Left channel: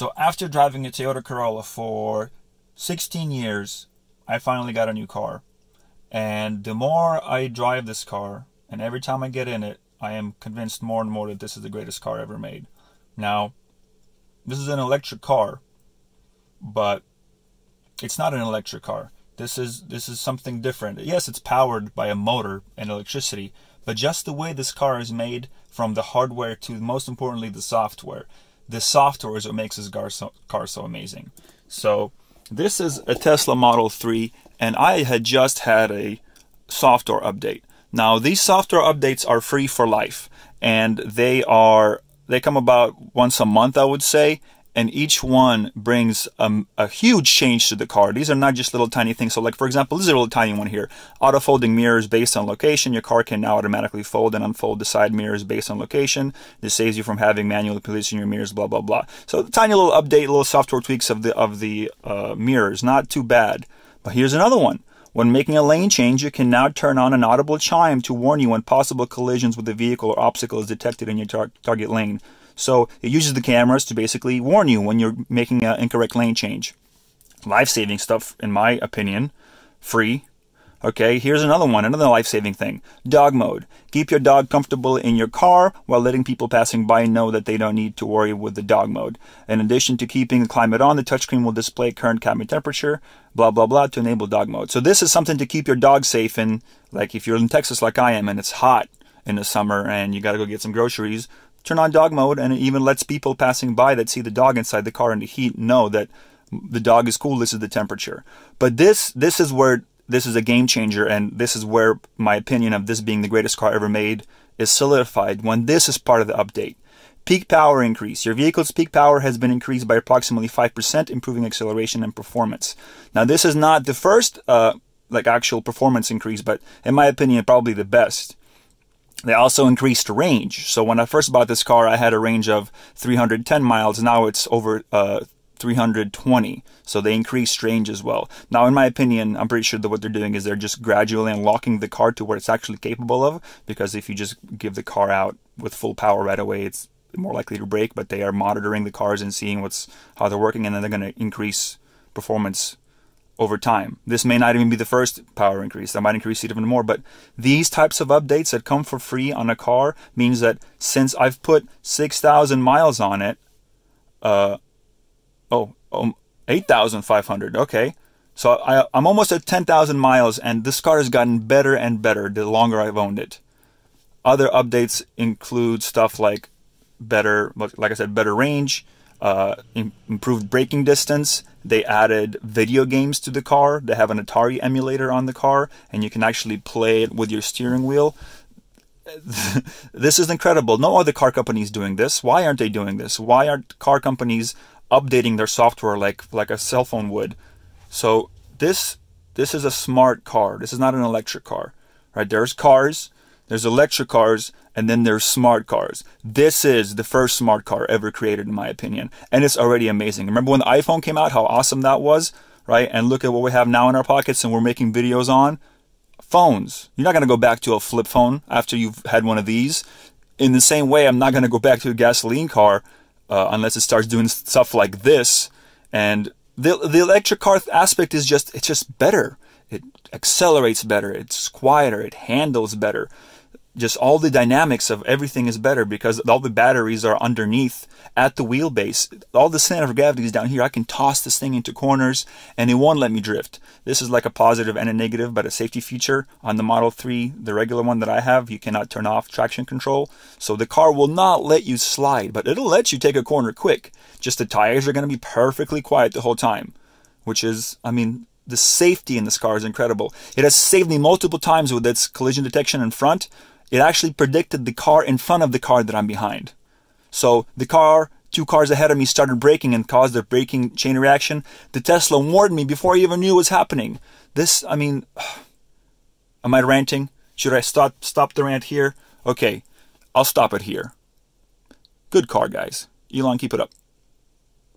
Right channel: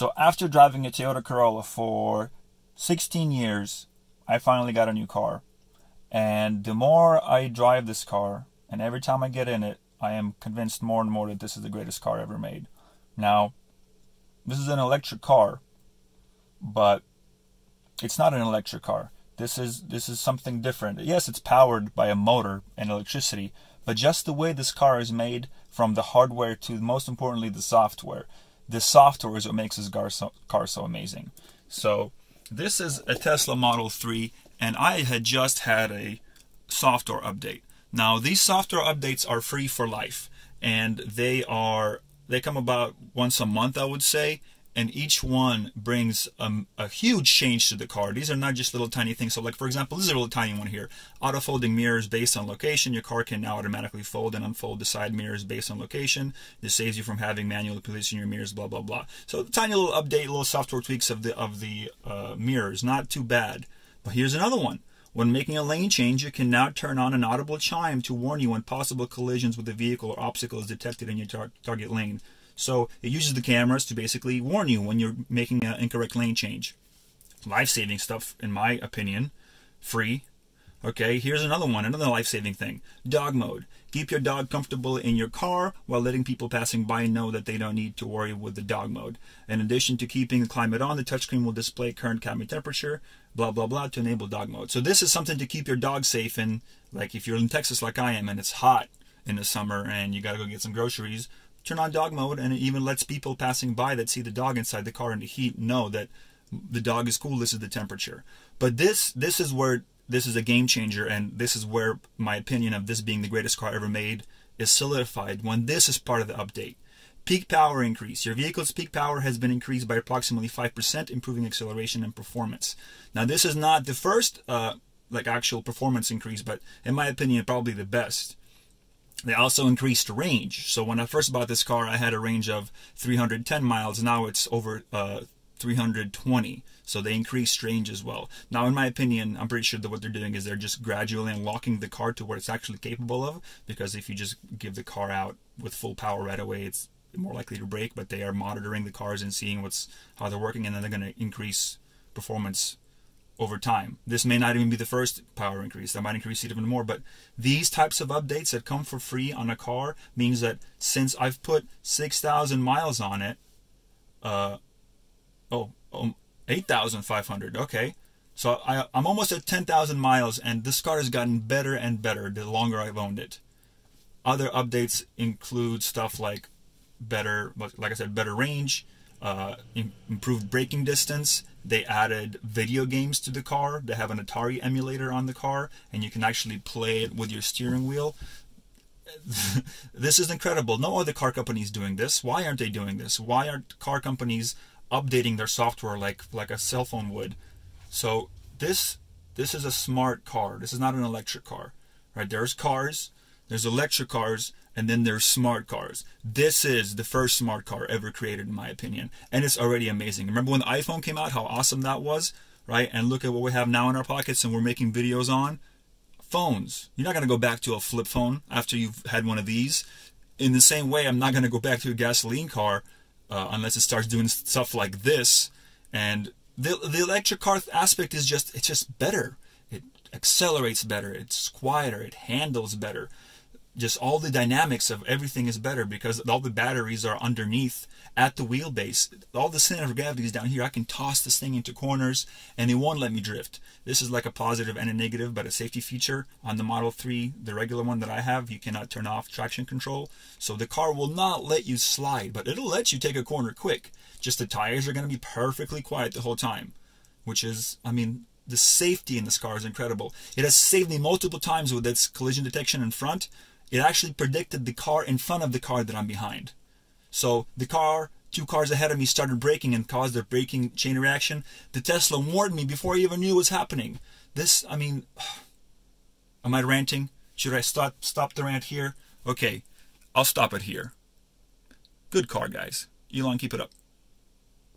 So after driving a Toyota Corolla for 16 years, I finally got a new car. And the more I drive this car, and every time I get in it, I am convinced more and more that this is the greatest car ever made. Now, this is an electric car, but it's not an electric car. This is something different. Yes, it's powered by a motor and electricity, but just the way this car is made, from the hardware to, most importantly, the software. The software is what makes this car so amazing. So this is a Tesla Model 3, and I had just had a software update. Now, these software updates are free for life, and they come about once a month, I would say, and each one brings a huge change to the car. These are not just little tiny things. So like, for example, this is a little tiny one here. Auto folding mirrors based on location. Your car can now automatically fold and unfold the side mirrors based on location. This saves you from having manually position your mirrors, blah, blah, blah. So tiny little update, little software tweaks of the mirrors. Not too bad. But here's another one. When making a lane change, you can now turn on an audible chime to warn you when possible collisions with a vehicle or obstacle is detected in your target lane. So it uses the cameras to basically warn you when you're making an incorrect lane change. Life-saving stuff, in my opinion. Free. Okay, here's another one, another life-saving thing. Dog mode. Keep your dog comfortable in your car while letting people passing by know that they don't need to worry with the dog mode. In addition to keeping the climate on, the touchscreen will display current cabin temperature, blah, blah, blah, to enable dog mode. So this is something to keep your dog safe in, like if you're in Texas like I am and it's hot in the summer and you got to go get some groceries, turn on dog mode, and it even lets people passing by that see the dog inside the car in the heat know that the dog is cool, this is the temperature. But this is where this is a game changer, and this is where my opinion of this being the greatest car ever made is solidified when this is part of the update. Peak power increase. Your vehicle's peak power has been increased by approximately 5%, improving acceleration and performance. Now, this is not the first like actual performance increase, but in my opinion, probably the best. They also increased range. So when I first bought this car, I had a range of 310 miles. Now it's over 320. So they increased range as well. Now, in my opinion, I'm pretty sure that what they're doing is they're just gradually unlocking the car to what it's actually capable of. Because if you just give the car out with full power right away, it's more likely to break. But they are monitoring the cars and seeing how they're working, and then they're going to increase performance over time. This may not even be the first power increase. That might increase it even more. But these types of updates that come for free on a car means that since I've put 6,000 miles on it, 8,500. Okay. So I'm almost at 10,000 miles, and this car has gotten better and better the longer I've owned it. Other updates include stuff like better, like I said, better range, improved braking distance. They added video games to the car. They have an Atari emulator on the car, and you can actually play it with your steering wheel. This is incredible. No other car company is doing this. Why aren't they doing this? Why aren't car companies updating their software like a cell phone would? So this is a smart car. This is not an electric car, right? There's cars, there's electric cars, and then there's smart cars. This is the first smart car ever created, in my opinion. And it's already amazing. Remember when the iPhone came out, how awesome that was, right? And look at what we have now in our pockets and we're making videos on. Phones. You're not going to go back to a flip phone after you've had one of these. In the same way, I'm not going to go back to a gasoline car unless it starts doing stuff like this. And the electric car aspect is it's just better. It accelerates better. It's quieter. It handles better. Just all the dynamics of everything is better because all the batteries are underneath at the wheelbase. All the center of gravity is down here. I can toss this thing into corners and it won't let me drift. This is like a positive and a negative, but a safety feature on the Model 3, the regular one that I have. You cannot turn off traction control. So the car will not let you slide, but it'll let you take a corner quick. Just the tires are going to be perfectly quiet the whole time, which is, I mean, the safety in this car is incredible. It has saved me multiple times with its collision detection in front. It actually predicted the car in front of the car that I'm behind. So the car, 2 cars ahead of me started braking and caused a braking chain reaction. The Tesla warned me before I even knew what was happening. This, I mean, am I ranting? Should I stop the rant here? Okay, I'll stop it here. Good car, guys. Elon, keep it up.